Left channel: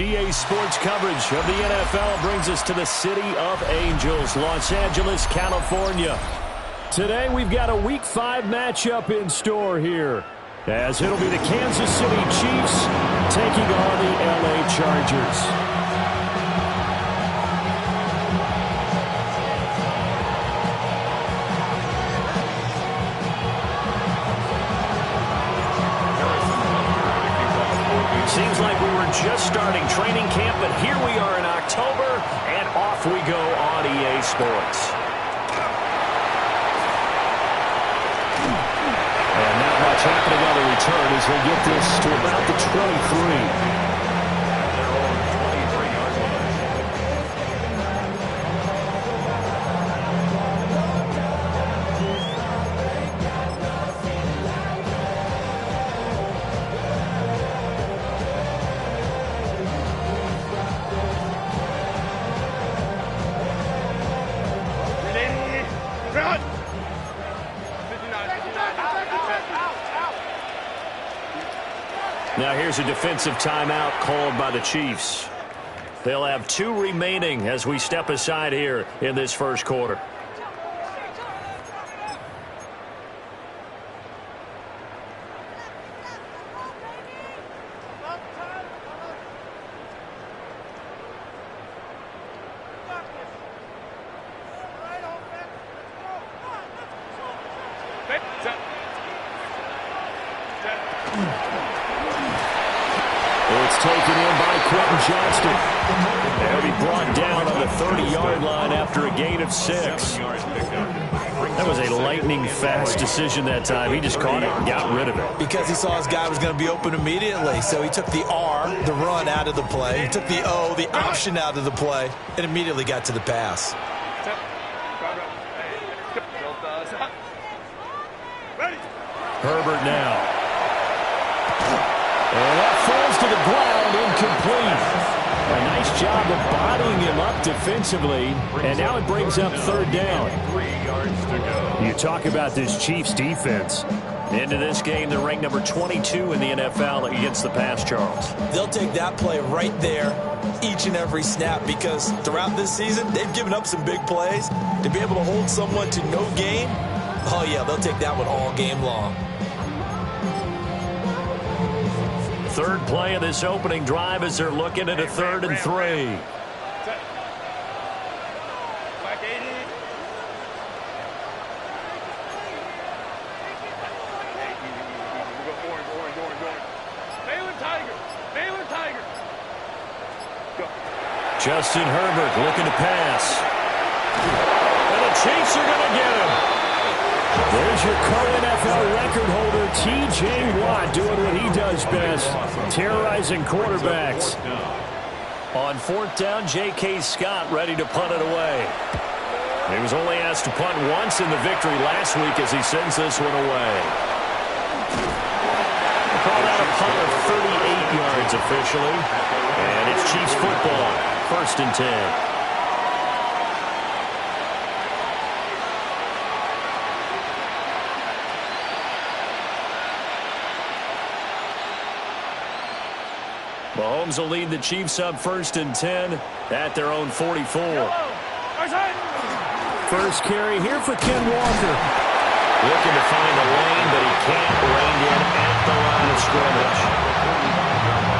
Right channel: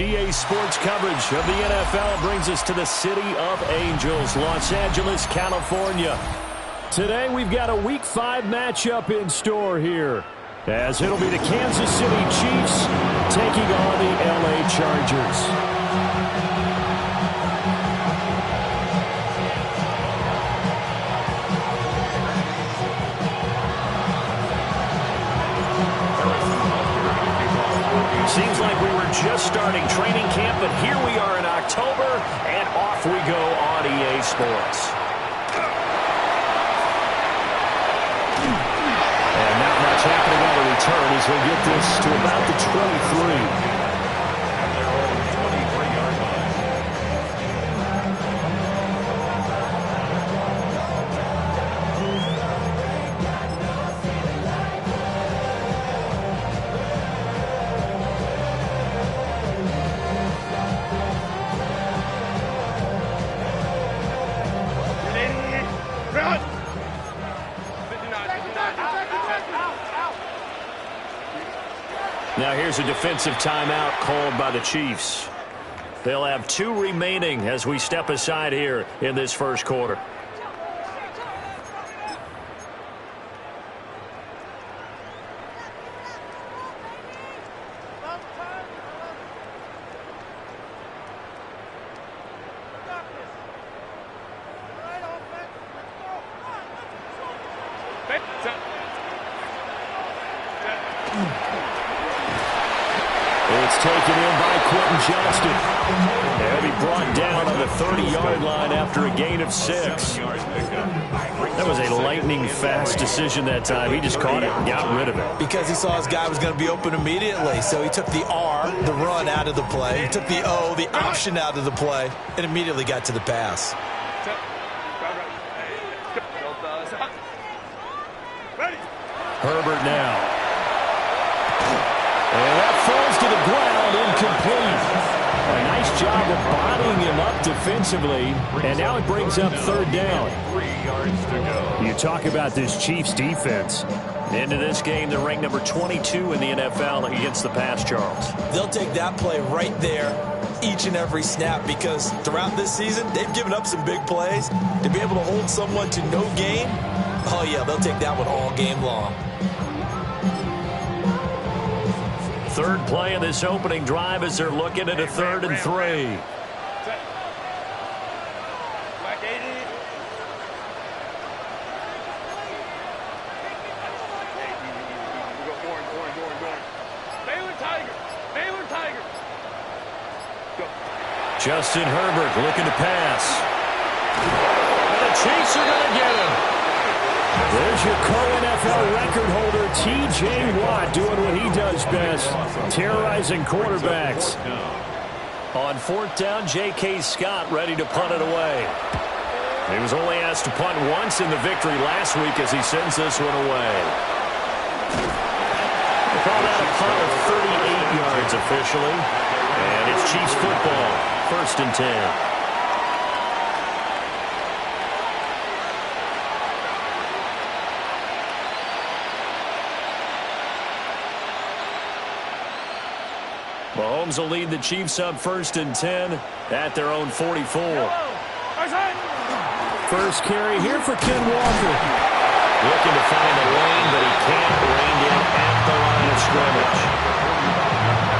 EA Sports coverage of the NFL brings us to the City of Angels, Los Angeles, California. Today we've got a Week 5 matchup in store here, as it'll be the Kansas City Chiefs taking on the LA Chargers. Seems like we were just starting training camp, but here we are in October, and off we go on EA Sports. And not much happening on the return as they get this to about the 23. At their own 23-yard line. Now here's a defensive timeout called by the Chiefs. They'll have 2 remaining as we step aside here in this first quarter. It's taken in by Quentin Johnston. He'll be brought down on the 30-yard line after a gain of 6. That was a lightning-fast decision that time. He just caught it and got rid of it. Because he saw his guy was going to be open immediately. So he took the R, the run, out of the play. He took the O, the option, out of the play, and immediately got to the pass. Herbert now. And that falls to the ground, incomplete. A nice job of bodying him up defensively, and now it brings up third down. 3 yards to go. You talk about this Chiefs defense. Into this game, they're ranked number 22 in the NFL against the pass, Charles. They'll take that play right there each and every snap, because throughout this season, they've given up some big plays. To be able to hold someone to no gain, oh yeah, they'll take that one all game long. Third play of this opening drive as they're looking at a 3rd and 3. Justin Herbert looking to pass. And the Chiefs are going to get him. There's your co-NFL record holder, T.J. Watt, doing what he does best, terrorizing quarterbacks. On 4th down, J.K. Scott ready to punt it away. He was only asked to punt once in the victory last week as he sends this one away. They called out a punt of 38 yards officially. And it's Chiefs football, 1st and 10. Mahomes will lead the Chiefs up 1st and 10 at their own 44. First carry here for Ken Walker. Looking to find a lane, but he can't rein in at the line of scrimmage.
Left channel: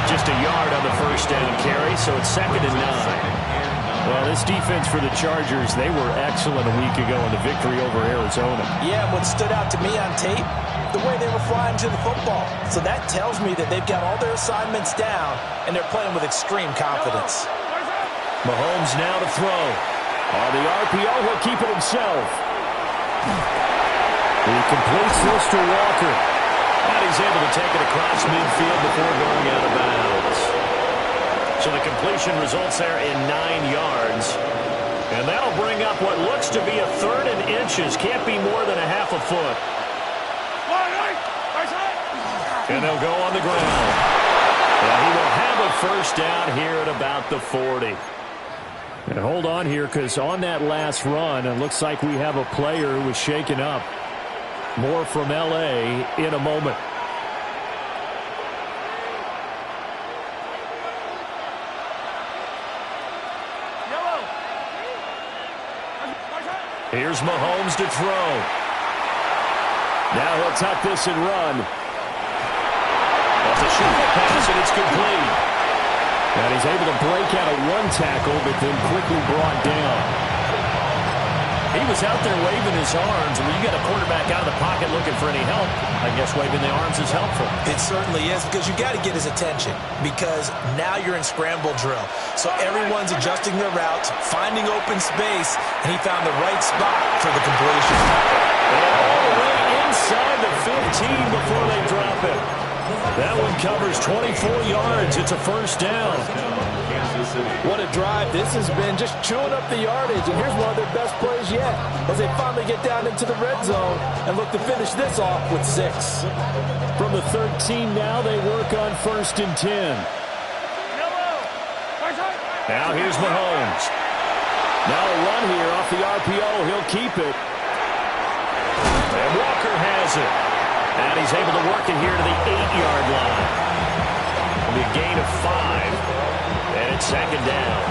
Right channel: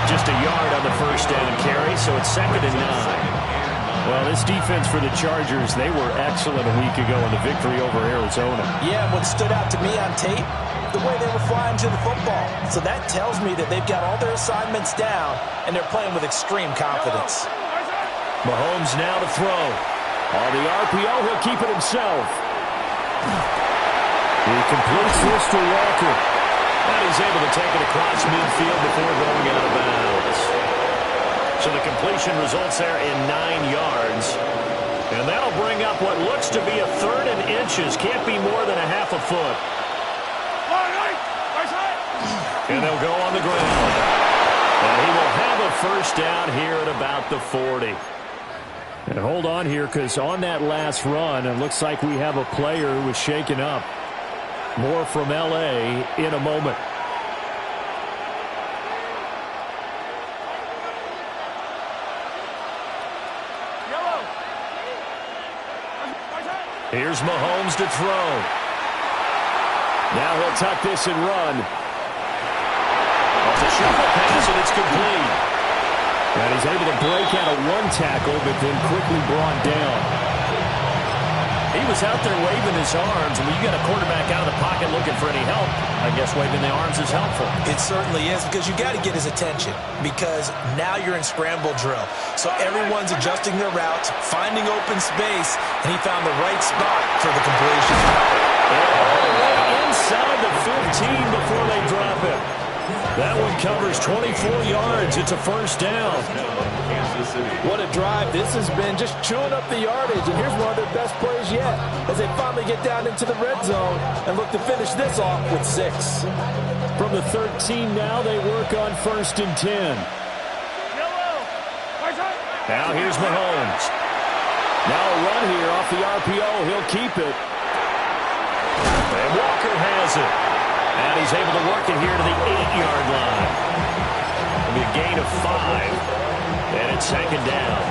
Just a yard on the 1st down carry, so it's 2nd and 9. Well, this defense for the Chargers, they were excellent a week ago in the victory over Arizona. Yeah, and what stood out to me on tape, the way they were flying to the football. So that tells me that they've got all their assignments down, and they're playing with extreme confidence. Mahomes now to throw. On the RPO, he'll keep it himself. He completes this to Walker. And he's able to take it across midfield before going out of bounds. So the completion results there in 9 yards. And that'll bring up what looks to be a 3rd and inches. Can't be more than a half a foot. And they'll go on the ground. And he will have a 1st down here at about the 40. And hold on here, because on that last run, it looks like we have a player who was shaken up. More from L.A. in a moment. Here's Mahomes to throw. Now he'll tuck this and run. Off the shuffle pass, and it's complete. And he's able to break out of one tackle, but then quickly brought down. He was out there waving his arms, and when you got a quarterback out of the pocket looking for any help, I guess waving the arms is helpful. It certainly is, because you got to get his attention, because now you're in scramble drill. So everyone's adjusting their routes, finding open space, and he found the right spot for the completion. And all the way inside the 15 before they drop it. That one covers 24 yards. It's a first down. What a drive this has been, just chewing up the yardage. And here's one of their best plays yet as they finally get down into the red zone and look to finish this off with 6. From the 13 now, they work on 1st and 10. Now here's Mahomes. Now a run here off the RPO. He'll keep it. And Walker has it. And he's able to work it here to the 8-yard line. It'll be a gain of 5. And it's 2nd down.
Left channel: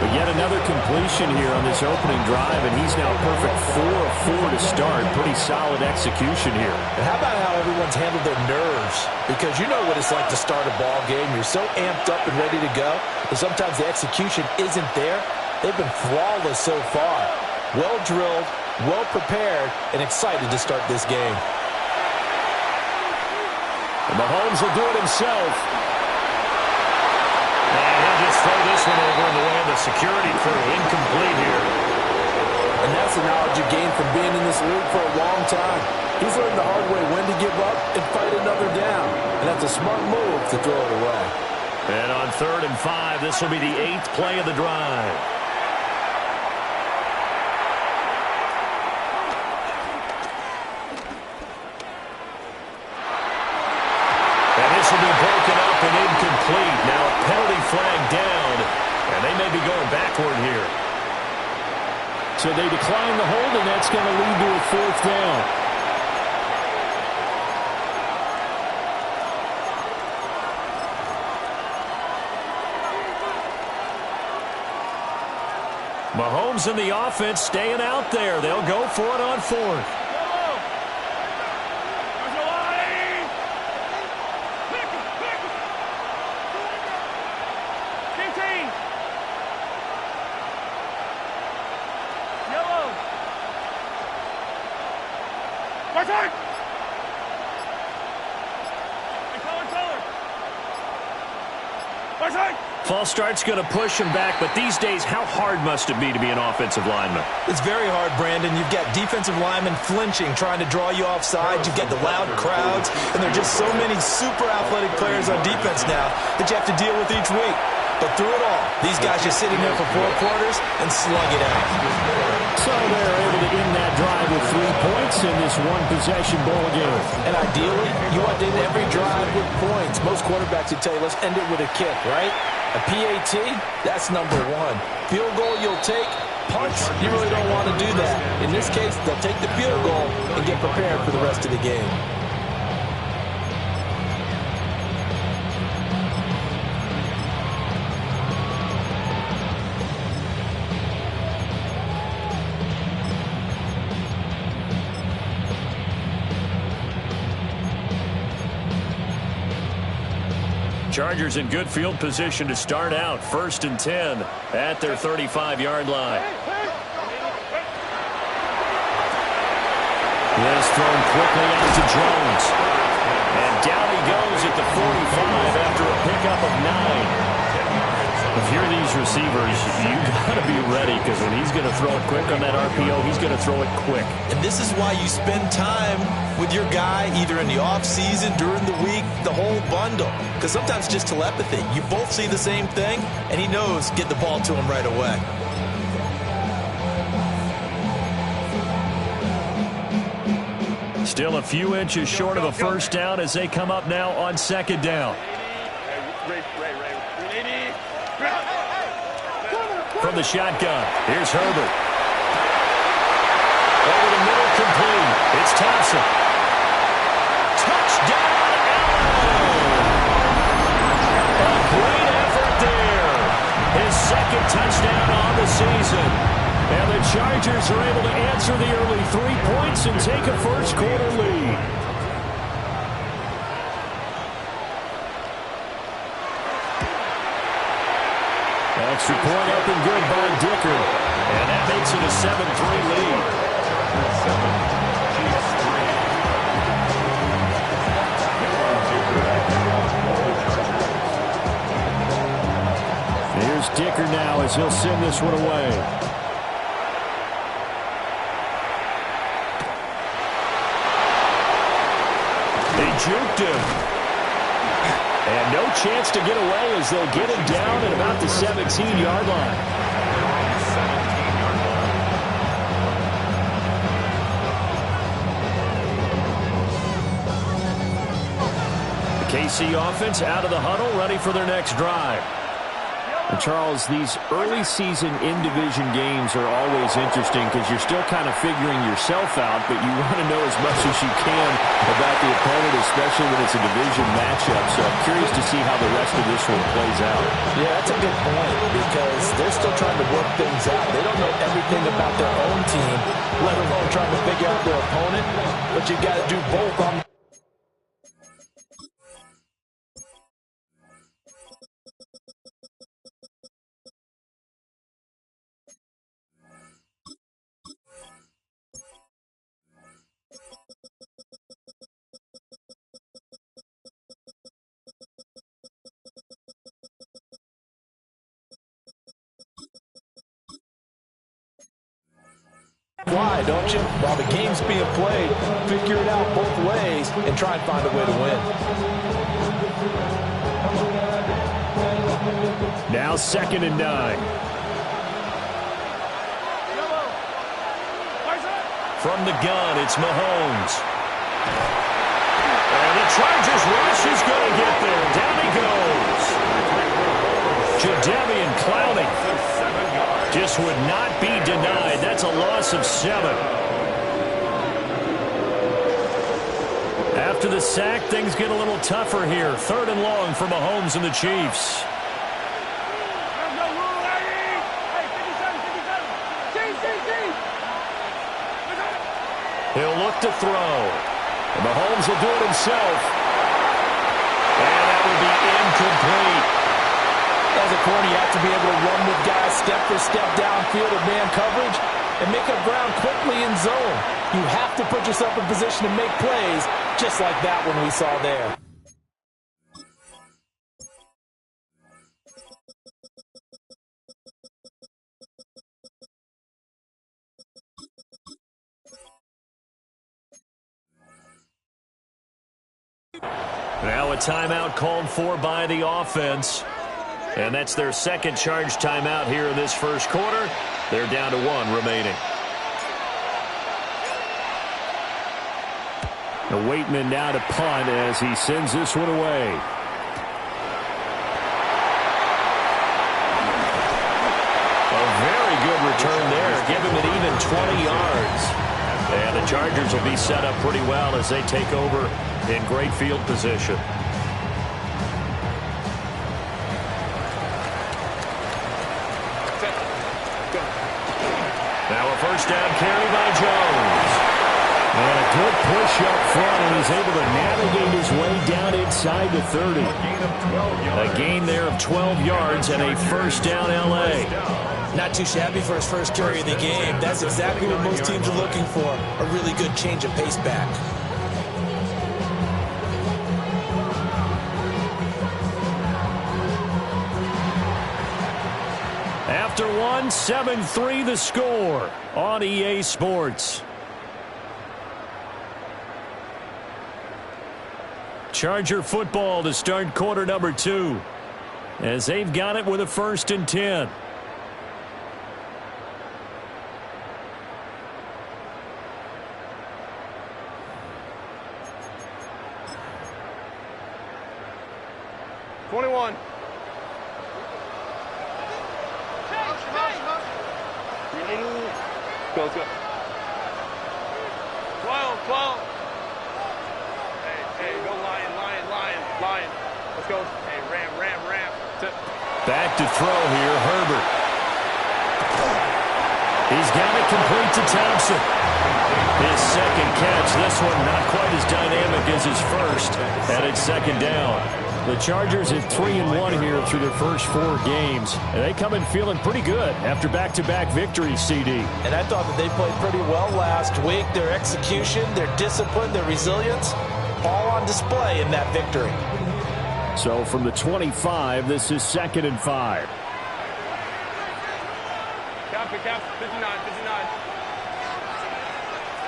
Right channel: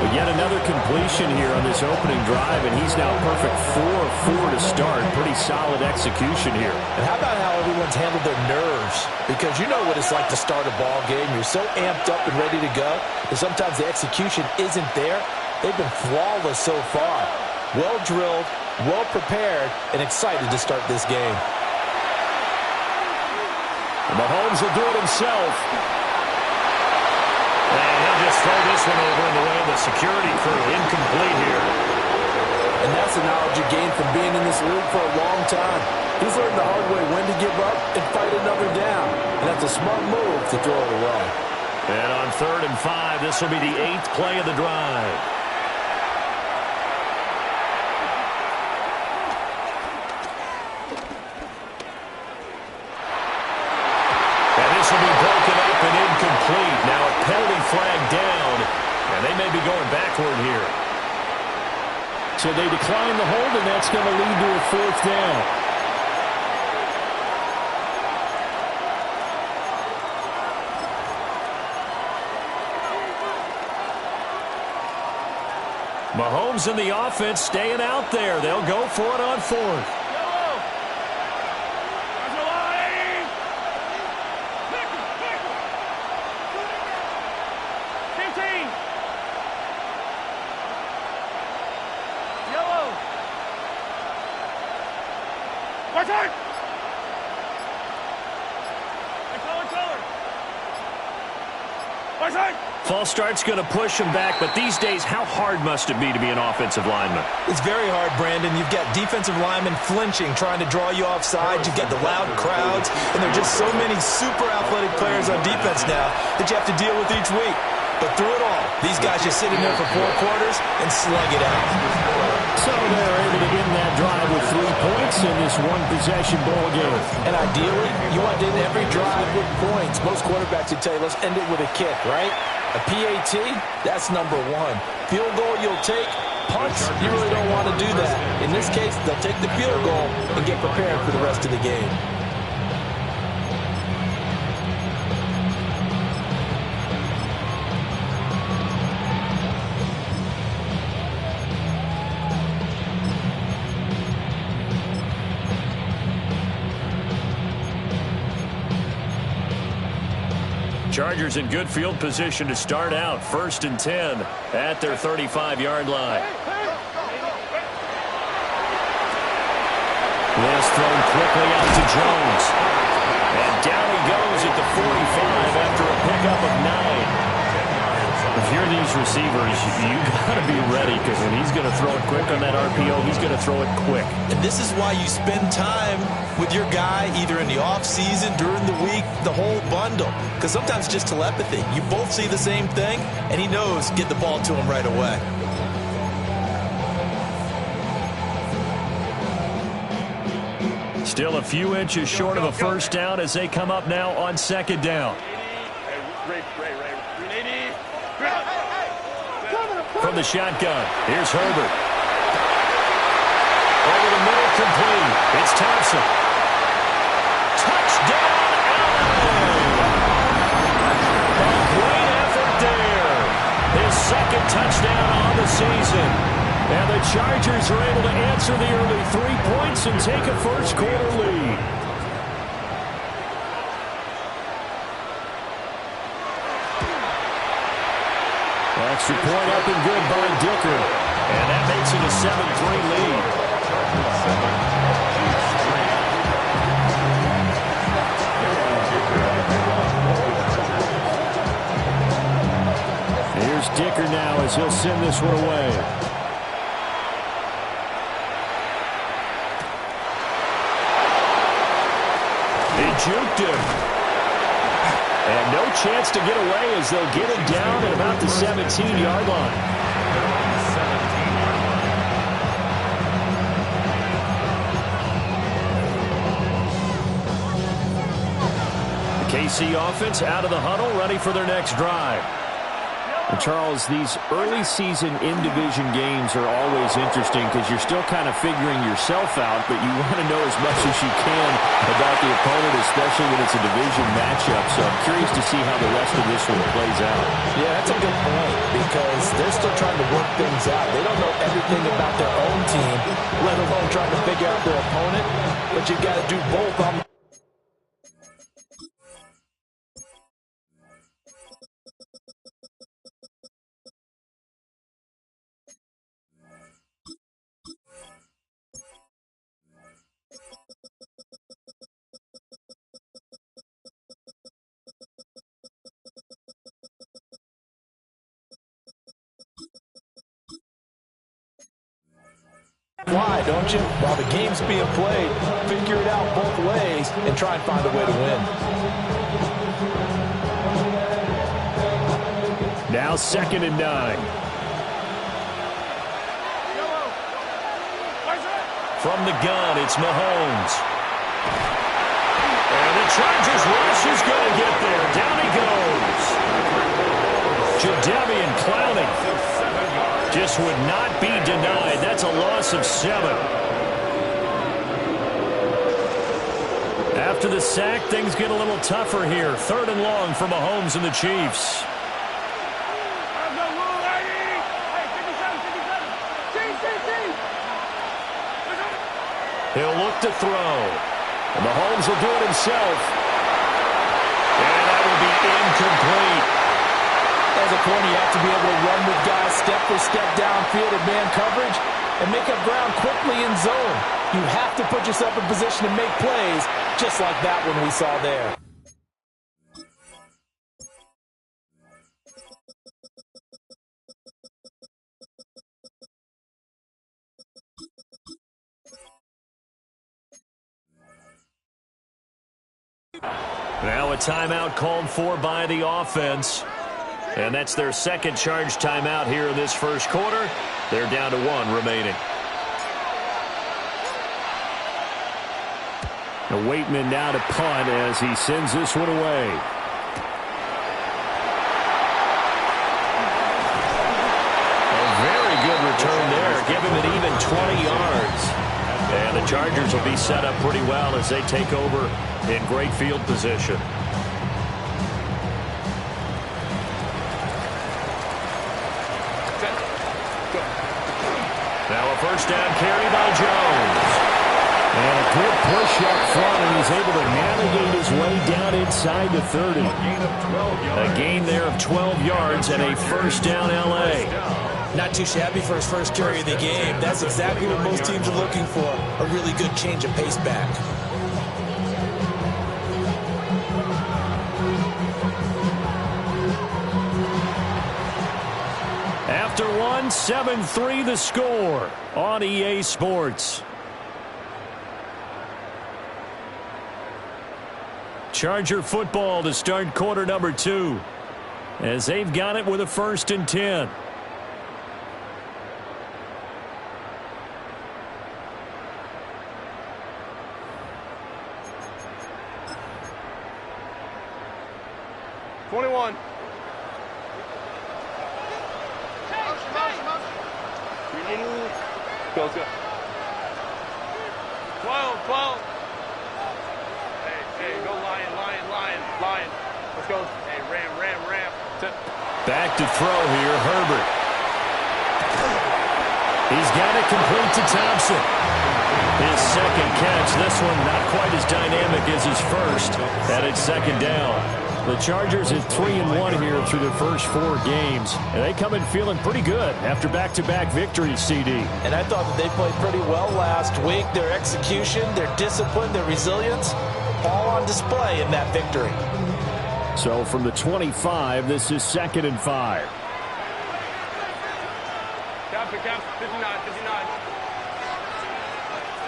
But yet another completion here on this opening drive, and he's now perfect 4 of 4 to start. Pretty solid execution here. And how about how everyone's handled their nerves? Because you know what it's like to start a ball game. You're so amped up and ready to go, and sometimes the execution isn't there. They've been flawless so far. Well drilled, well prepared, and excited to start this game. And Mahomes will do it himself. And he'll just throw this one over in the way of the security crew. Incomplete here. And that's the knowledge you gain from being in this league for a long time. He's learned the hard way when to give up and fight another down. And that's a smart move to throw it away. And on 3rd and 5, this will be the 8th play of the drive. And this will be broken up and incomplete. Now a penalty flag down, and they may be going backward here. So they decline the hold, and that's going to lead to a 4th down. Mahomes and the offense staying out there. They'll go for it on 4th. False start's going to push him back, but these days, how hard must it be to be an offensive lineman? It's very hard, Brandon. You've got defensive linemen flinching, trying to draw you offside. You've got the loud crowds, and there are just so many super athletic players on defense now that you have to deal with each week. But through it all, these guys just sit in there for 4 quarters and slug it out. So they're able to end that drive with 3 points in this one-possession ball game. And ideally, you want to end every drive with points. Most quarterbacks would tell you, let's end it with a kick, right? A PAT, that's number 1. Field goal you'll take. Punts, you really don't want to do that. In this case, they'll take the field goal and get prepared for the rest of the game. Chargers in good field position to start out. 1st and 10 at their 35-yard line. This thrown quickly out to Jones. And down he goes at the 45 after a pickup of 9. If you're these receivers, you got to be ready, because when he's going to throw it quick on that RPO, he's going to throw it quick. And this is why you spend time with your guy either in the offseason, during the week, the whole bundle. Because sometimes just telepathy. You both see the same thing, and he knows get the ball to him right away. Still a few inches short of a first down as they come up now on 2nd down. From the shotgun, here's Herbert. Over the middle, complete. It's Thompson. Touchdown, Allen! A great effort there. His 2nd touchdown on the season. And the Chargers are able to answer the early 3 points and take a first-quarter lead. Extra point up and good by Dicker. And that makes it a 7-3 lead. Chargers 7, Chiefs 3. Here's Dicker now as he'll send this one away. They juked him. And no chance to get away as they'll get him down at about the 17-yard line. They're on the 17-yard line. The KC offense out of the huddle, ready for their next drive. And Charles, these early season in-division games are always interesting because you're still kind of figuring yourself out, but you want to know as much as you can about the opponent, especially when it's a division matchup. So I'm curious to see how the rest of this one plays out. Yeah, that's a good point because they're still trying to work things out. They don't know everything about their own team, let alone trying to figure out their opponent. But you've got to do both on the fly, don't you? While the game's being played, figure it out both ways and try and find a way to win. Now 2nd and 9. From the gun, it's Mahomes. And the Chargers rush is going to get there. Down he goes. Jadeveon Clowney just would not be denied. That's a loss of 7. After the sack, things get a little tougher here. 3rd and long for Mahomes and the Chiefs. He'll look to throw. And Mahomes will do it himself. And that will be incomplete. As a corner, you have to be able to run with guys step for step downfield in man coverage and make up ground quickly in zone. You have to put yourself in position to make plays, just like that one we saw there. Now a timeout called for by the offense. And that's their second charge timeout here in this first quarter. They're down to 1 remaining. Now Waitman now to punt as he sends this one away. A very good return there. Give him an even 20 yards. And the Chargers will be set up pretty well as they take over in great field position. Now a first down carry by Jones. And a good push up front, and he's able to navigate his way down inside the 30. A gain of 12 yards. A gain there of 12 yards and a first down L.A. Not too shabby for his first carry of the game. That's exactly what most teams are looking for. A really good change of pace back. After 1, 7-3 the score on EA Sports. Charger football to start quarter number 2 as they've got it with a 1st and 10. Go, let's go. 12. Hey, go Lion. Let's go. Hey, ram. Tip. Back to throw here, Herbert. He's got it complete to Thompson. His second catch. This one not quite as dynamic as his first. And it's second down. The Chargers at 3-1 here through their first 4 games. And they come in feeling pretty good after back-to-back victories, CD. And I thought that they played pretty well last week. Their execution, their discipline, their resilience, all on display in that victory. So from the 25, this is 2nd and 5. Cap, 59. Let's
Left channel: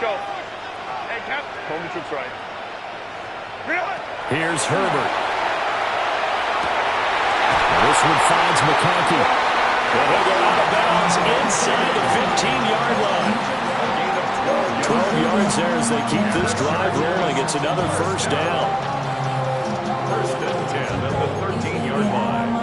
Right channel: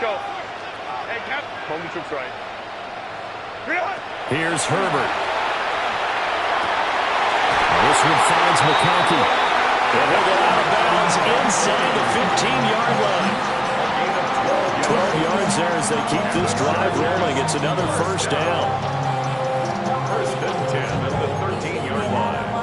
go. Hey, Cap. Home troops right. Here's Herbert. This one finds McConkey. And he'll go out of bounds inside the 15-yard line. 12 yards there as they keep this drive rolling. It's another first down. First and 10 at the 13-yard line.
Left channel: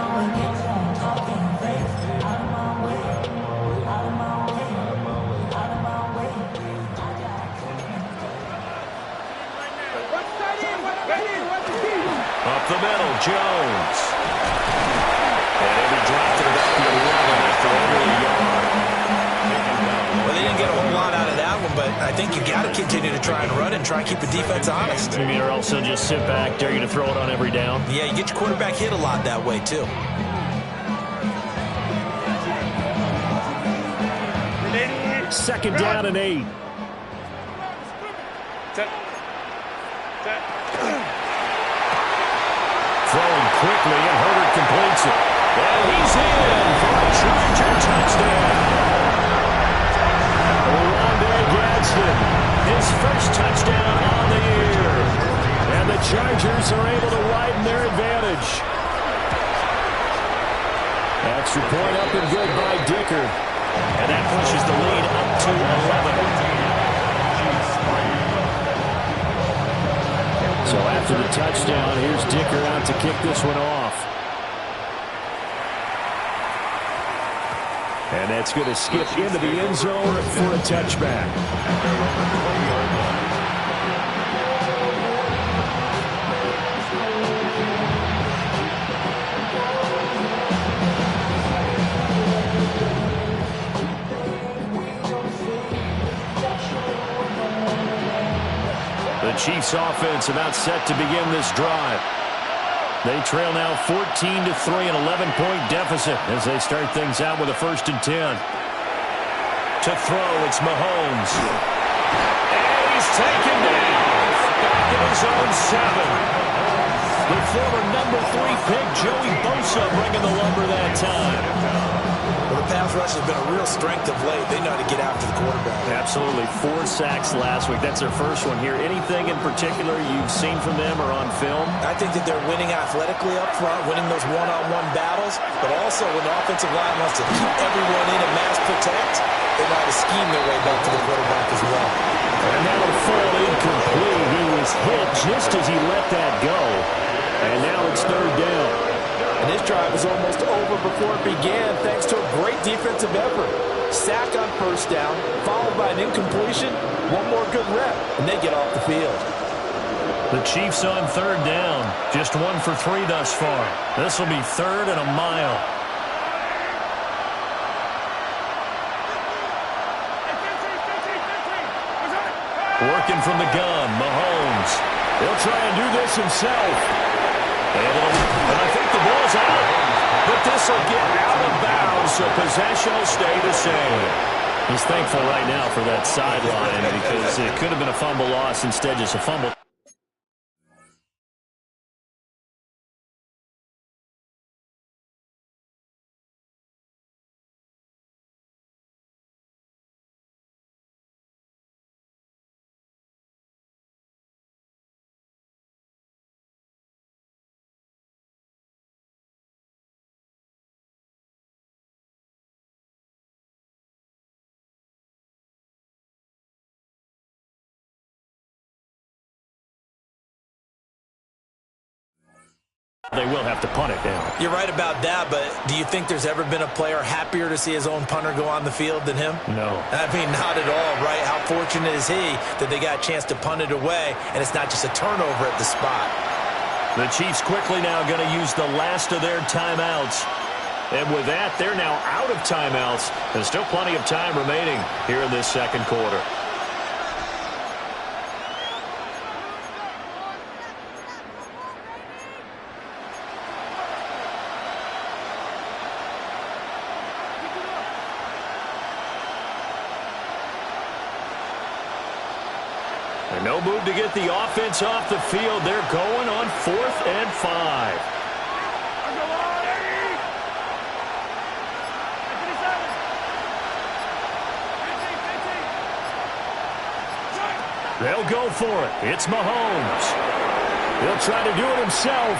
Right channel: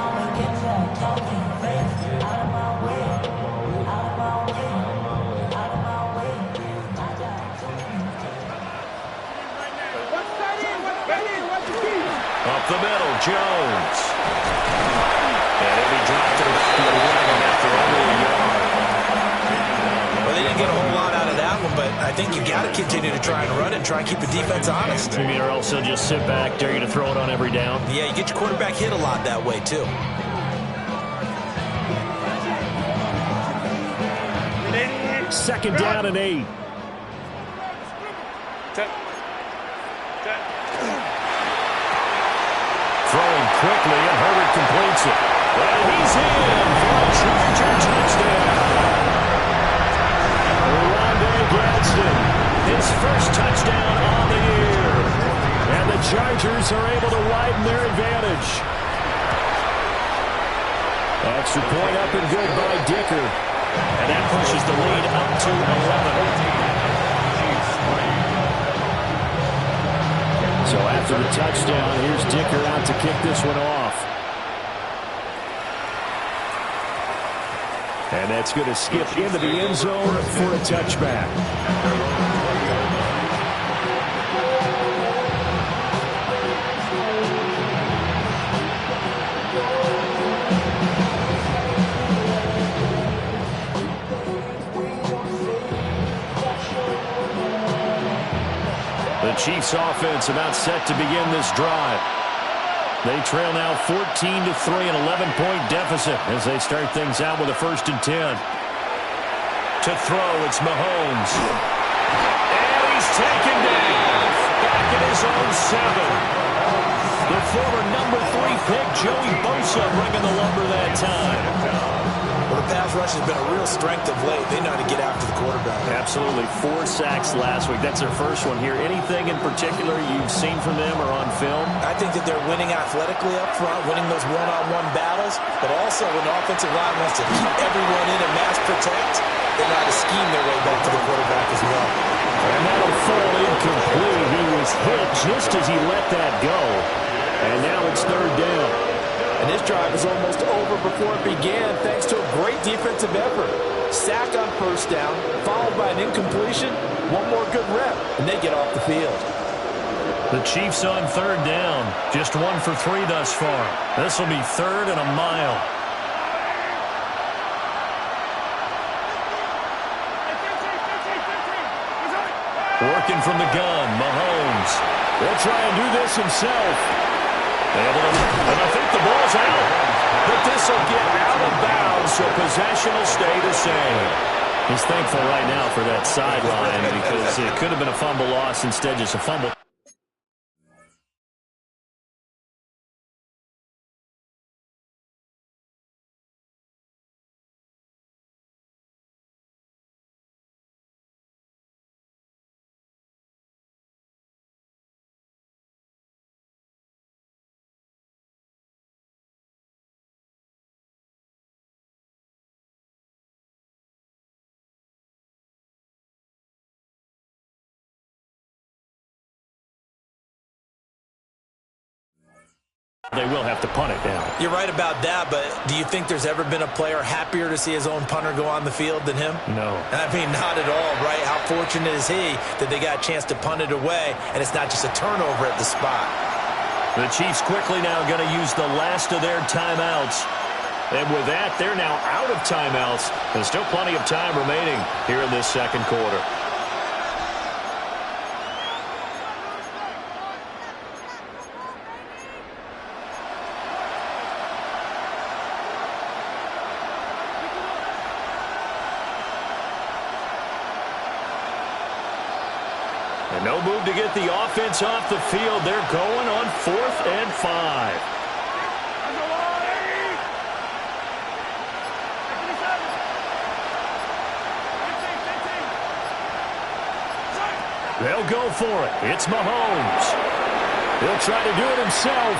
Up the middle, Jones. And he'll be dropped at about the 11 after only a yard. Well, they didn't get a whole lot out of that one, but I think you got to continue to try and run it and try and keep the defense honest. You mean, or else he'll just sit back, dare you to throw it on every down? Yeah, you get your quarterback hit a lot that way, too. Second down and 8. Throwing quickly, and Herbert completes it. And he's in for a Charger touchdown. Rondé Gadsden, his first touchdown on the year. And the Chargers are able to widen their advantage. Extra point up and good by Dicker. And that pushes the lead up to 11. So after the touchdown, here's Dicker out to kick this one off. And that's going to skip into the end zone for a touchback. The Chiefs offense about set to begin this drive. They trail now 14-3, an 11-point deficit as they start things out with a 1st and 10. To throw, it's Mahomes. And he's taken down. Back at his own 7. The former number 3 pick, Joey Bosa, bringing the lumber that time. Well, the pass rush has been a real strength of late. They know how to get after the quarterback. Absolutely. 4 sacks last week. That's their first one here. Anything in particular you've seen from them or on film? I think that they're winning athletically up front, winning those one-on-one battles, but also when the offensive line wants to keep everyone in and mass protect, they know how to scheme their way back to the quarterback as well. And that'll fall incomplete. He was hit just as he let that go. And now it's 3rd down. And this drive was almost over before it began thanks to a great defensive effort. Sack on 1st down, followed by an incompletion, one more good rep, and they get off the field. The Chiefs on 3rd down, just 1 for 3 thus far. This will be 3rd and a mile. Working from the gun, Mahomes. He'll try and do this himself. And I think the ball's out. But this will get out of bounds, so possession will stay the same. He's thankful right now for that sideline because it could have been a fumble loss, instead just a fumble. They will have to punt it now. You're right about that, but do you think there's ever been a player happier to see his own punter go on the field than him? No. I mean, not at all, right? How fortunate is he that they got a chance to punt it away, and it's not just a turnover at the spot. The Chiefs quickly now going to use the last of their timeouts. And with that, they're now out of timeouts. There's still plenty of time remaining here in this second quarter. And no move to get the offense off the field. They're going on 4th and 5. They'll go for it. It's Mahomes. He'll try to do it himself.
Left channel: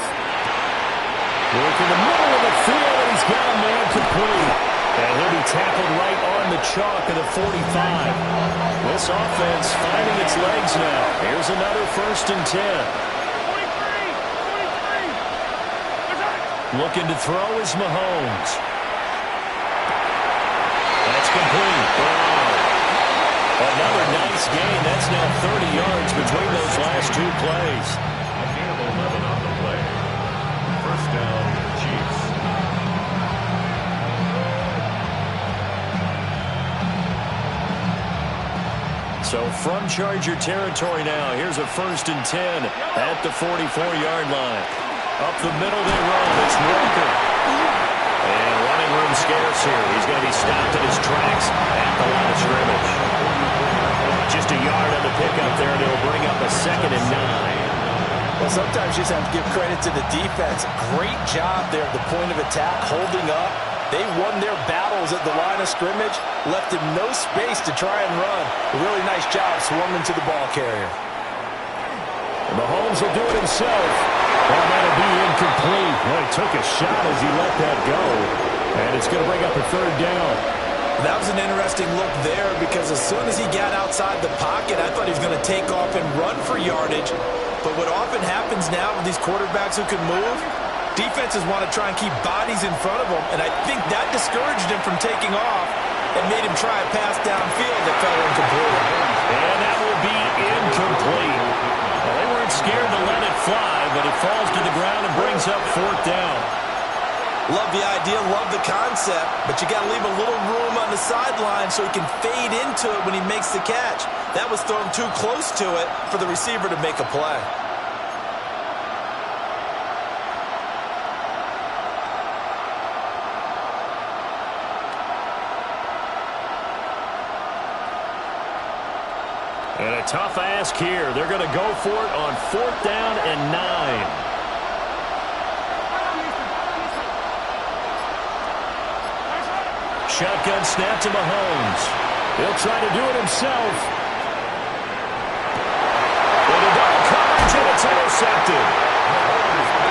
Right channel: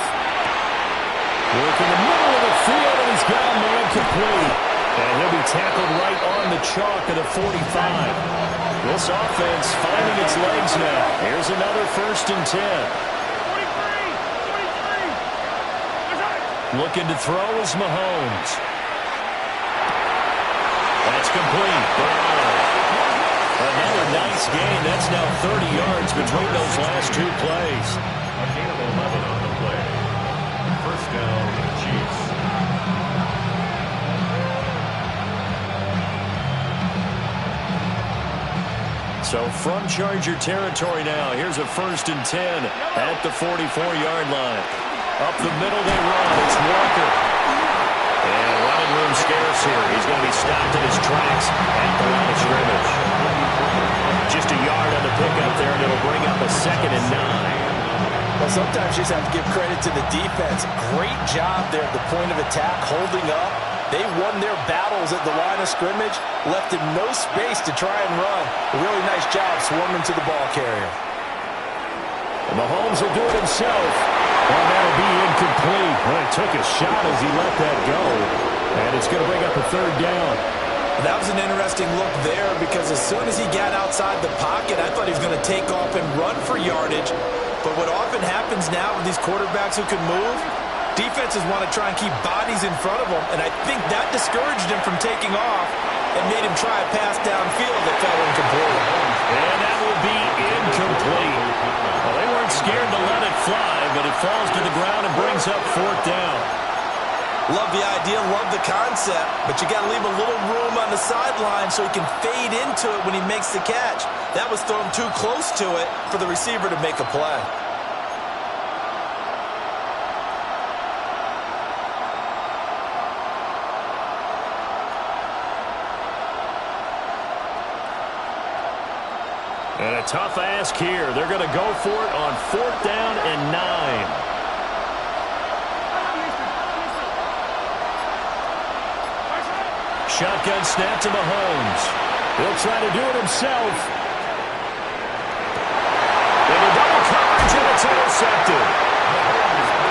Work in the middle of the field, and he's got a man complete. And he'll be tackled right on the chalk of the 45. This offense finding its legs now. Here's another 1st and 10. 43. Looking to throw is Mahomes. That's complete. Brown. Another nice gain. That's now 30 yards between those last 2 plays. A gain of 11 on the play. 1st down, Chiefs. So from Charger territory now, here's a 1st and 10 at the 44-yard line. Up the middle they run. It's Walker. And running room scarce here. He's going to be stopped in his tracks at the line of scrimmage. Just a yard on the pickup there, and it'll bring up a 2nd and 9. Well, sometimes you just have to give credit to the defense. Great job there at the point of attack, holding up. They won their battles at the line of scrimmage, left him no space to try and run. A really nice job swarming to the ball carrier. And Mahomes will do it himself. Well, that'll be incomplete. Well, he took a shot as he let that go. And it's going to bring up a 3rd down. That was an interesting look there because as soon as he got outside the pocket, I thought he was going to take off and run for yardage. But what often happens now with these quarterbacks who can move, defenses want to try and keep bodies in front of them, and I think that discouraged him from taking off and made him try a pass downfield that fell incomplete. And that will be incomplete. Well, they weren't scared to let it fly, but it falls to the ground and brings up 4th down. Love the idea, love the concept, but you got to leave a little room on the sideline so he can fade into it when he makes the catch. That was thrown too close to it for the receiver to make a play. And a tough ask here. They're going to go for it on 4th down and 9. Shotgun snap to Mahomes. He'll try to do it himself. Into double coverage, and it's intercepted.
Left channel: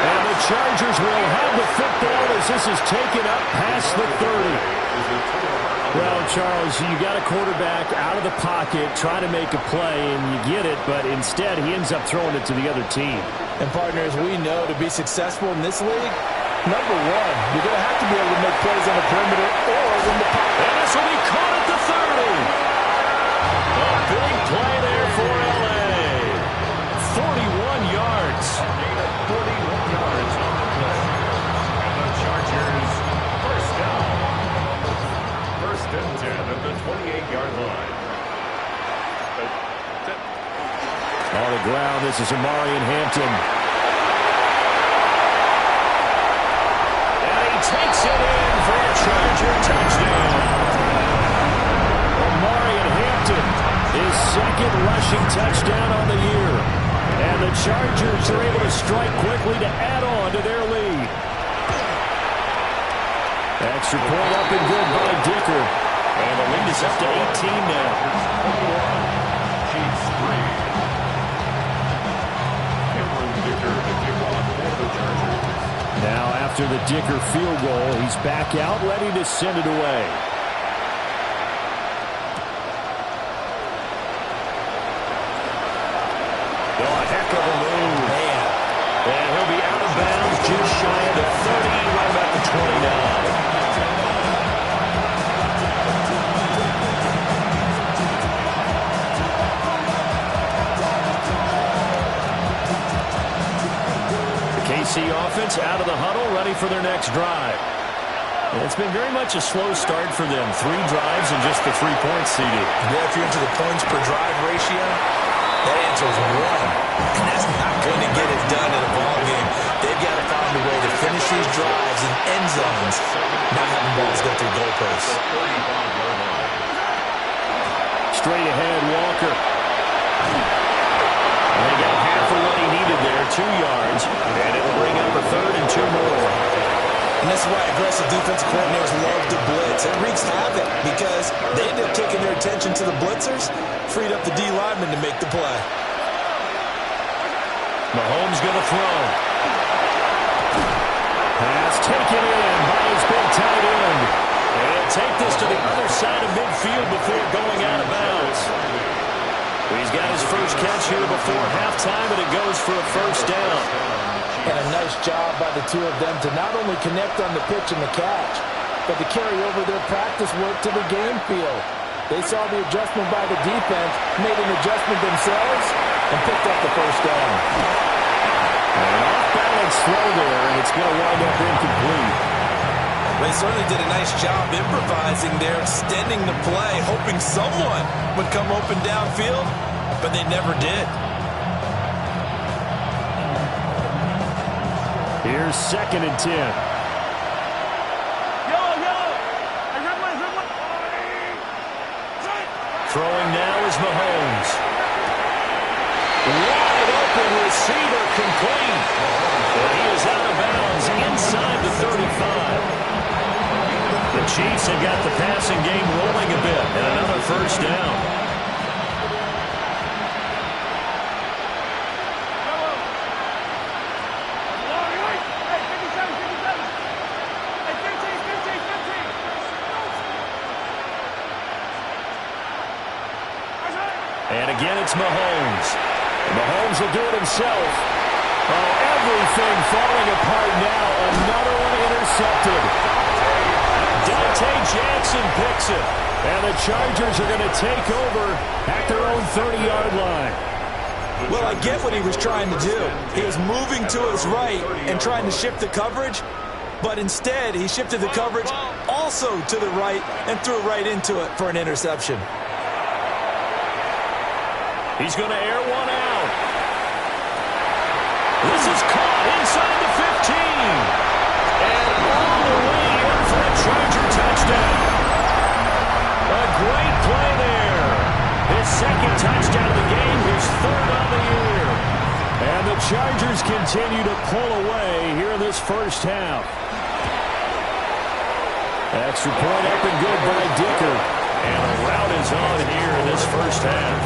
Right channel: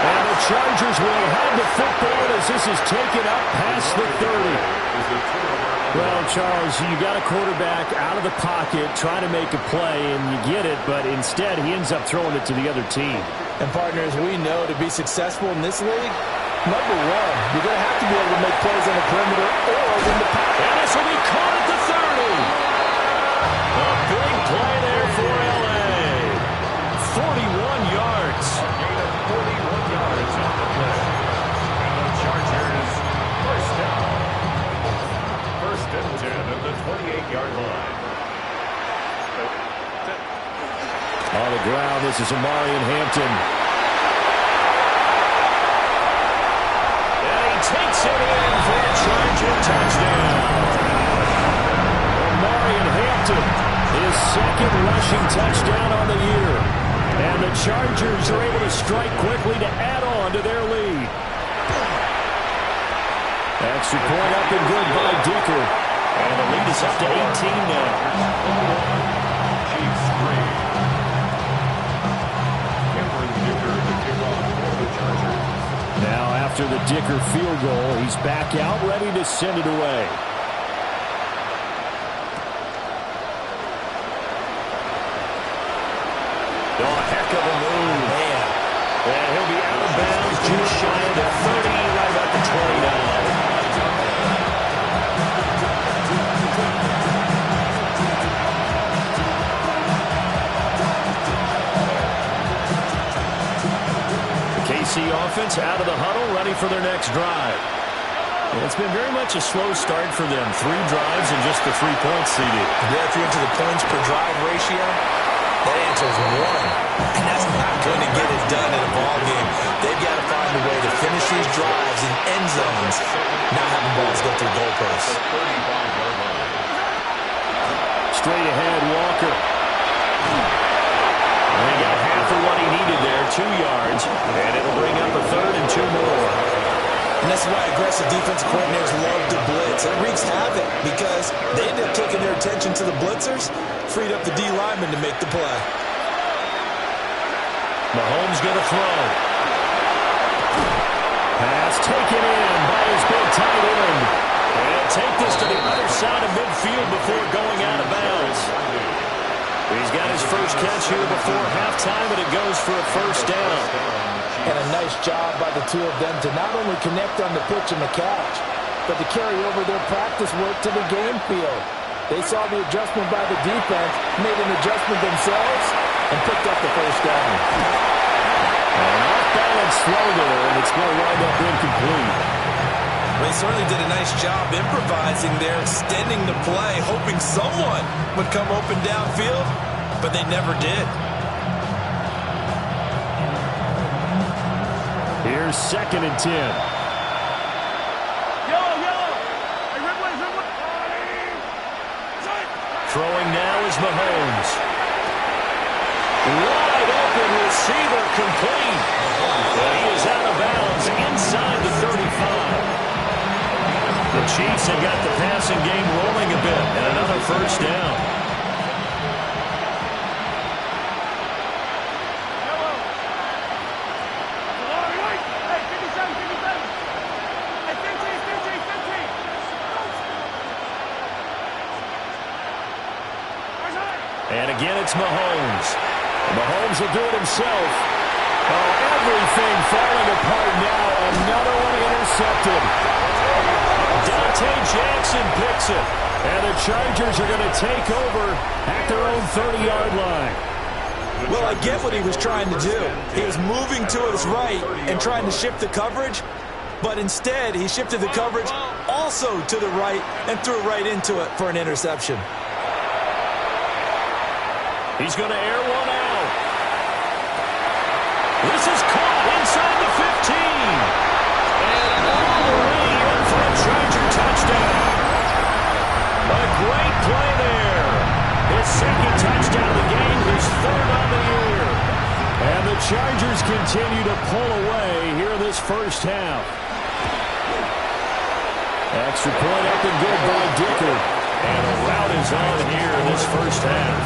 And the Chargers will have the football as this is taken up past the 30. Well, Charles, you got a quarterback out of the pocket trying to make a play, and you get it, but instead he ends up throwing it to the other team. And, partners, we know to be successful in this league, number one, you're going to have to be able to make plays on the perimeter or win the pocket. And this will be caught at the 30. A big play there for L.A. 41 yards. A gain of 41 yards on the play. And the Chargers, 1st down. 1st and 10 at the 28-yard line. On the ground, this is Amarian Hampton. And he takes it in for a Charger touchdown. Amarian Hampton, his 2nd rushing touchdown on the year. And the Chargers are able to strike quickly to add on to their lead. Extra point up and good by Dicker. And the lead is up to 18 now. Chiefs 3. Dicker to kick off for the Chargers. Now after the Dicker field goal, he's back out ready to send it away. Oh, a heck of a move. Man. And he'll be out of bounds just shy of the 30, right about the 29. KC offense out of the huddle, ready for their next drive. It's been very much a slow start for them. 3 drives and just the 3 points, CD. Yeah, if you're into the points per drive ratio, that answer is 1. And that's not going to get it done in a ball game. They've got to find a way to finish these drives in end zones, not having balls go through goalposts. Straight ahead, Walker. And they got half of what he needed there, 2 yards. And it'll bring up a 3rd and 2 more. And that's why aggressive defensive coordinators love to blitz. It wreaks havoc because they end up taking their attention to the blitzers, freed up the D lineman to make the play. Mahomes going to throw. Pass taken in by his big tight end. And he'll take this to the other side of midfield before going out of bounds. He's got his first catch here before halftime, and it goes for a first down. And a nice job by the 2 of them to not only connect on the pitch and the catch, but to carry over their practice work to the game field. They saw the adjustment by the defense, made an adjustment themselves, and picked up the first down. And an off-balance throw there, and it's going to wind up incomplete. They certainly did a nice job improvising there, extending the play, hoping someone would come open downfield, but they never did. Here's 2nd and 10. Yellow. Hey, red one. Throwing now is Mahomes. Wide open receiver complete. And he is out of bounds inside the 35. The Chiefs have got the passing game rolling a bit, and another first down. Hey, 57. Hey, 15. And again, it's Mahomes. Mahomes will do it himself. Oh, everything falling apart now. Another one intercepted. Dante Jackson picks it. And the Chargers are going to take over at their own 30-yard line. Well, I get what he was trying to do. He was moving to his right and trying to shift the coverage, but instead he shifted the coverage also to the right and threw right into it for an interception. He's going to air one out. This is caught inside the 15. And all the way in for a Charger touchdown. A great play there. His 2nd touchdown of the game, his 3rd on the year. And the Chargers continue to pull away here in this first half. Extra point up and good by Dicker. And the route is on here in this first half.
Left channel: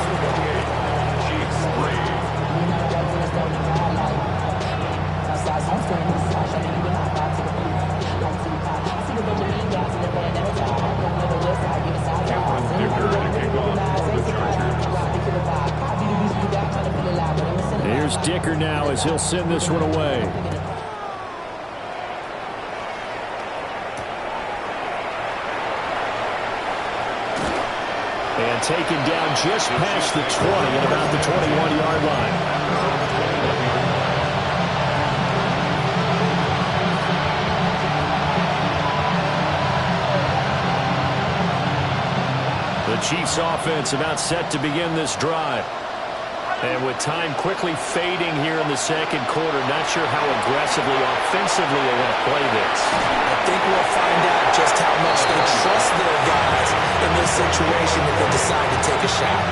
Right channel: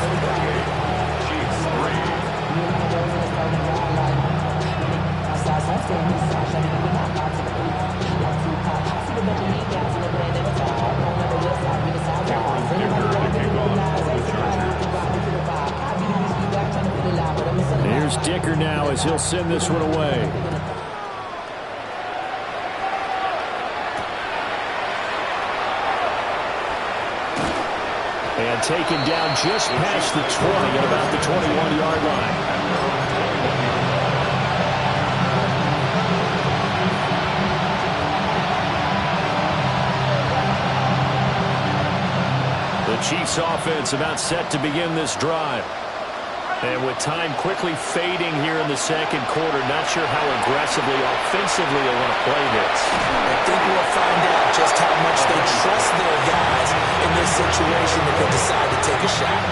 Here's Dicker now as he'll send this one away. And taken down just past the 20 and about the 21-yard line. The Chiefs offense about set to begin this drive. And with time quickly fading here in the 2nd quarter, not sure how aggressively, offensively they want to play this. I think we'll find out just how much they trust their guys in this situation if they decide to take a shot.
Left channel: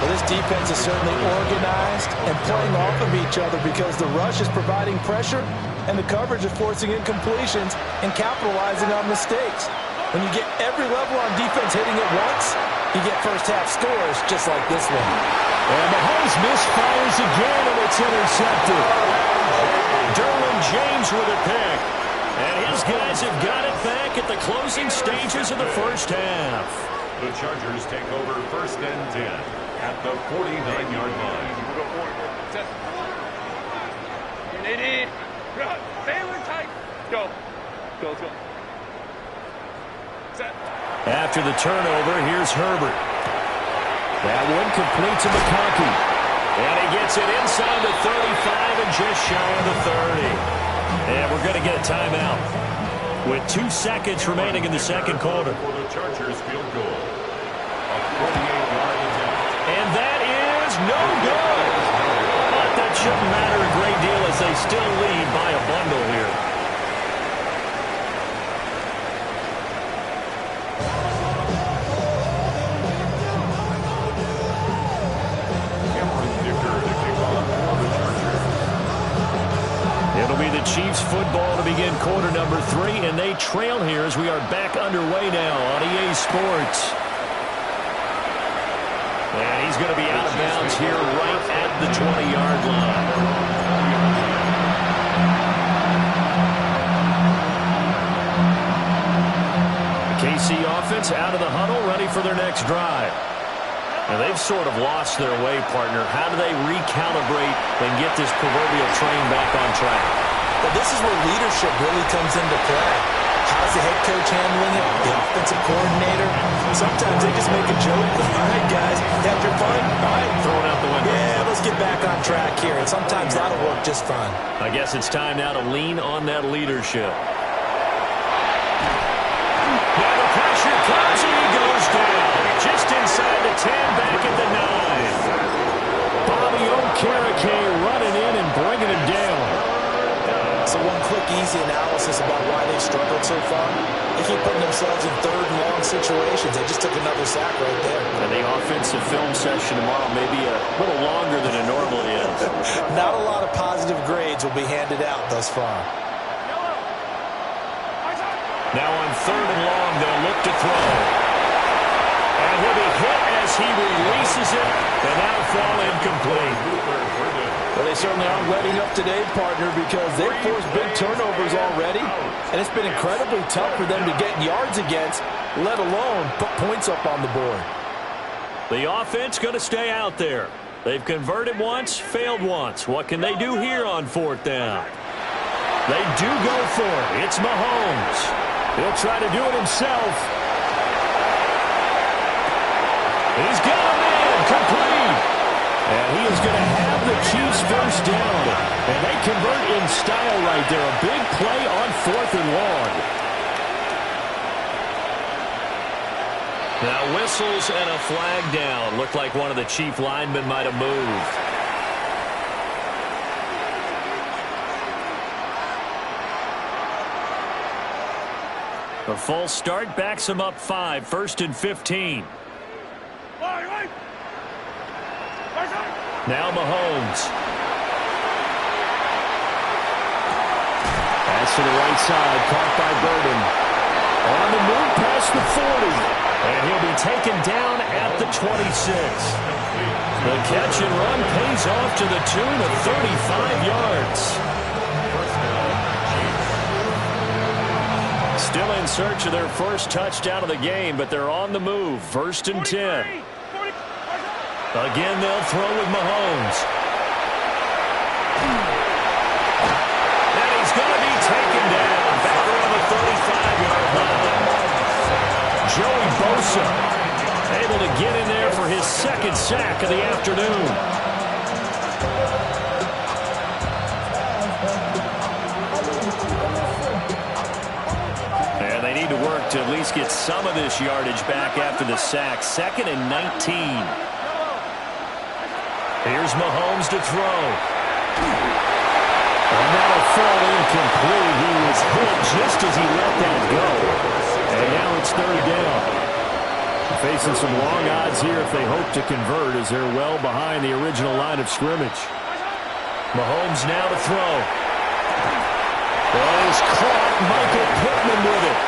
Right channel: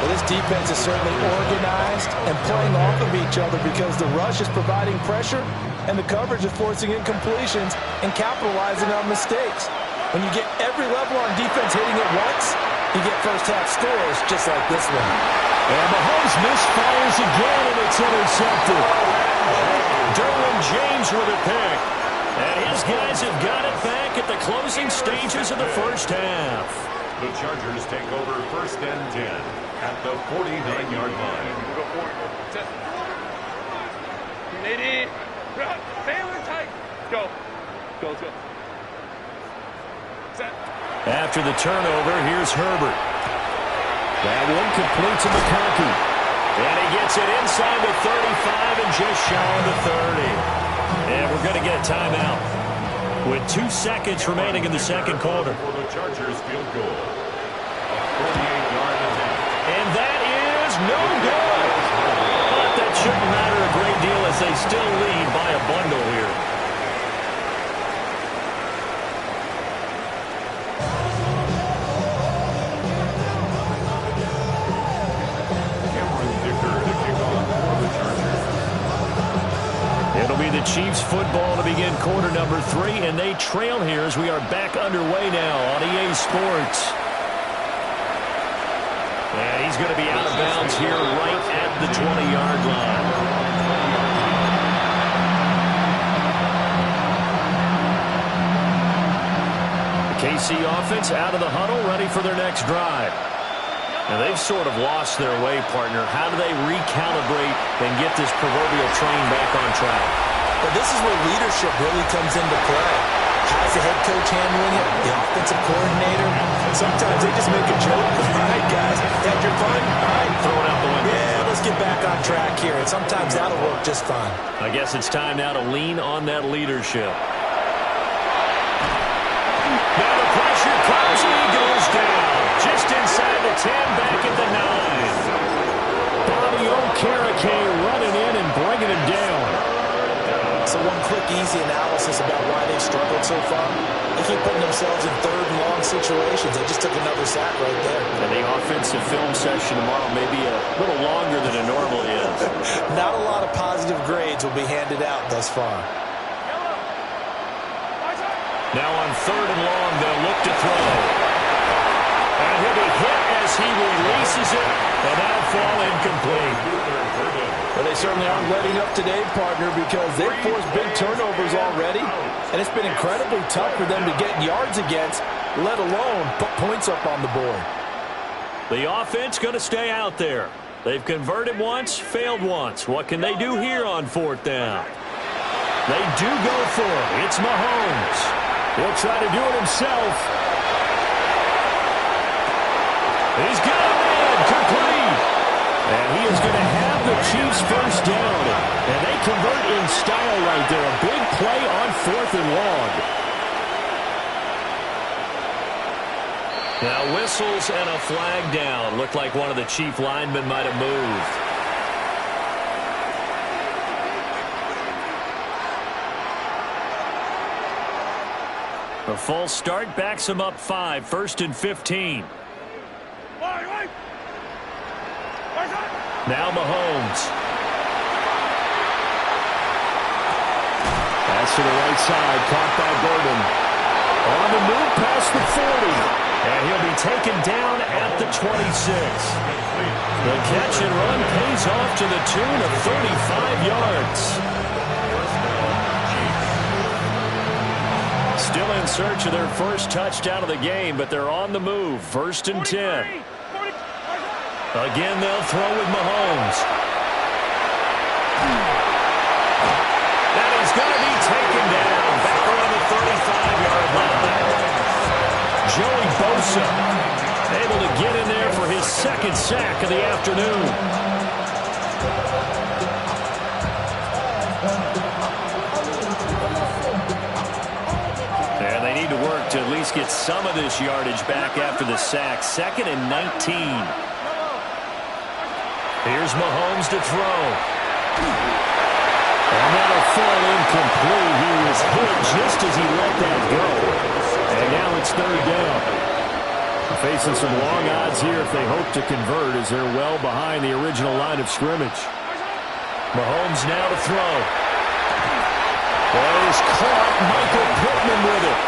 Well, this defense is certainly organized and playing off of each other because the rush is providing pressure and the coverage is forcing incompletions and capitalizing on mistakes. When you get every level on defense hitting at once, you get first-half scores just like this one. And Mahomes misfires again, and it's intercepted. Derwin James with a pick. And his guys have got it back at the closing stages of the first half. The Chargers take over 1st and 10 at the 49-yard line. We'll go forward. Test. Unity. Baylor tight. Go. Let's go. Set. After the turnover, here's Herbert. That one complete to McConkey. And he gets it inside the 35 and just shy of the 30. And we're going to get a timeout. with 2 seconds remaining in the second quarter. For the Chargers field goal. A 48-yard attempt. And that is no good. But that shouldn't matter a great deal as they still lead by a bundle here. It'll be the Chiefs football to begin quarter number 3, and they trail here as we are back underway now on EA Sports. And he's going to be out of bounds here right at the 20-yard line. The KC offense out of the huddle, ready for their next drive. And they've sort of lost their way, partner. How do they recalibrate and get this proverbial train back on track? Well, this is where leadership really comes into play. How's the head coach handling it? The offensive coordinator? Sometimes they just make a joke. All right, guys, had your fun? All right. Throw it out the window. Yeah, let's get back on track here. And sometimes that'll work just fine. I guess it's time now to lean on that leadership. Now the pressure comes and he goes down. Just inside the 10, back at the 9. Bobby Okereke running in and bringing him down. So one quick, easy analysis about why they've struggled so far. They keep putting themselves in third and long situations. They just took another sack right there. And the offensive film session tomorrow may be a little longer than it normally is. Not a lot of positive grades will be handed out thus far. Now on third and long, they'll look to throw. And he'll be hit as he releases it, and that'll fall incomplete. But they certainly aren't letting up today, partner, because they've forced big turnovers already, and it's been incredibly tough for them to get yards against, let alone put points up on the board. The offense going to stay out there. They've converted once, failed once. What can they do here on fourth down? They do go for it. It's Mahomes. He'll try to do it himself. He's got a man complete. And he is going to have the Chiefs first down. And they convert in style right there. A big play on fourth and long. Now whistles and a flag down. Looked like one of the Chief linemen might have moved. A false start backs him up 5, 1st and 15. Now Mahomes. Pass to the right side, caught by Burden. On the move past the 40. And he'll be taken down at the 26. The catch and run pays off to the tune of 35 yards. Still in search of their first touchdown of the game, but they're on the move. 1st and 10. Again, they'll throw with Mahomes. And he's going to be taken down. Back around the 35-yard line. Joey Bosa able to get in there for his second sack of the afternoon. And they need to work to at least get some of this yardage back after the sack. 2nd and 19. Here's Mahomes to throw. And that'll fall incomplete. He was hit just as he let that go. And now it's 3rd down. Facing some long odds here if they hope to convert as they're well behind the original line of scrimmage. Mahomes now to throw. That is caught. Michael Pittman with it.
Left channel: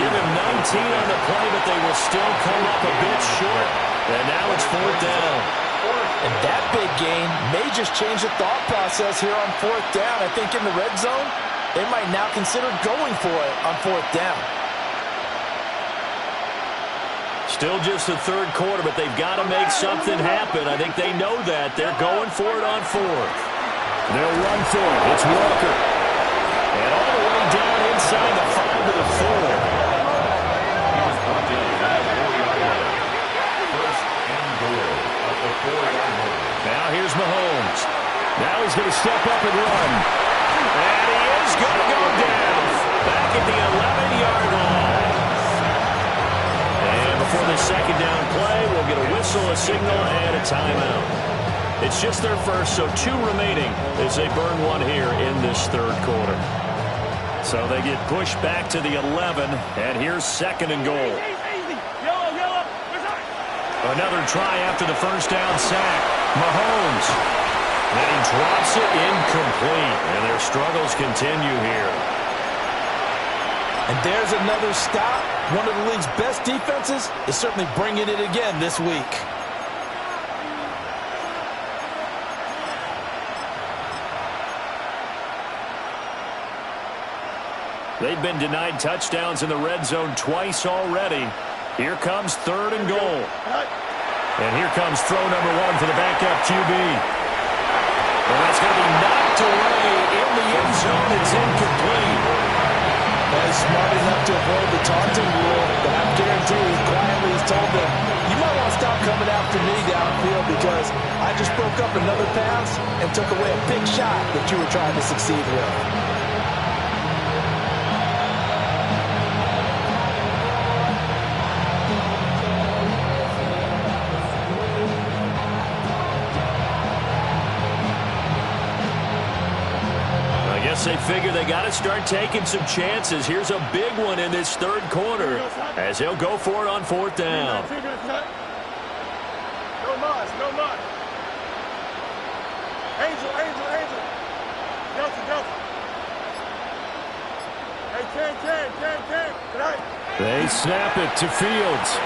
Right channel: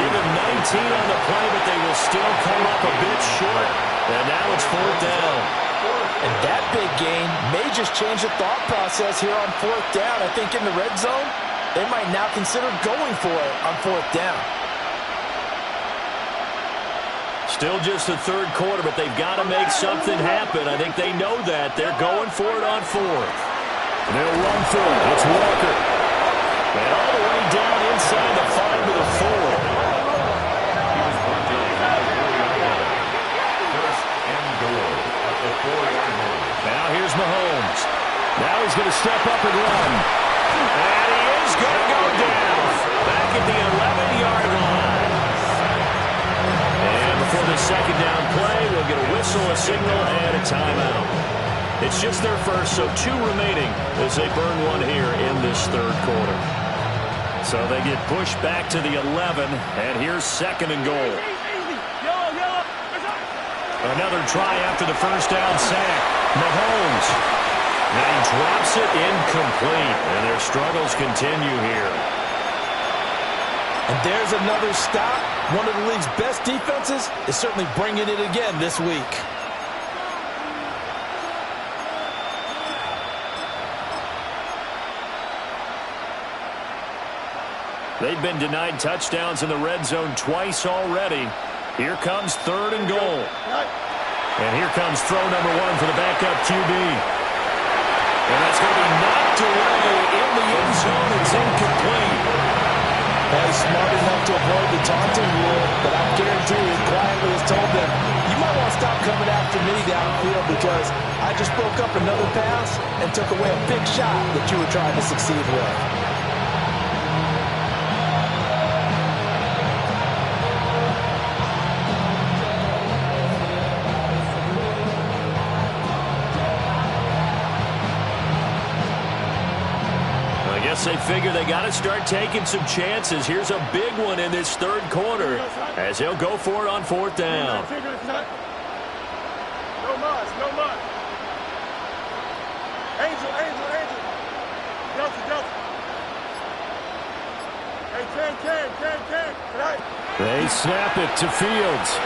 Give him 19 on the play, but they will still come up a bit short. And now it's 4th down. And that big gain may just change the thought process here on 4th down. I think in the red zone, they might now consider going for it on 4th down. Still just the 3rd quarter, but they've got to make something happen. I think they know that. They're going for it on 4th. They'll run for it. It's Walker. And all the way down inside the 5 to the 4. He was brought down at the 4-yard line. 1st and goal at the 4-yard line. Now here's Mahomes. Now he's going to step up and run. And he is going to go down. Back at the 11-yard line. And before the second down play, we'll get a whistle, a signal, and a timeout. It's just their first, so 2 remaining as they burn one here in this third quarter. So they get pushed back to the 11, and here's second and goal. Yellow. Another try after the first down sack. Mahomes. And he drops it incomplete, and their struggles continue here. And there's another stop. One of the league's best defenses is certainly bringing it again this week. They've been denied touchdowns in the red zone twice already. Here comes third and goal. And here comes throw number 1 for the backup QB. And that's going to be knocked away in the end zone. It's incomplete. Well, he's smart enough to avoid the taunting rule, but I guarantee he quietly has told them, you might want to stop coming after me downfield because I just broke up another pass and took away a big shot that you were trying to succeed with. I guess they figure they got to start taking some chances. Here's a big one in this third quarter as they'll go for it on fourth down. No mud. Angel. Delta. Hey, Ken. Tonight. They snap it to Fields.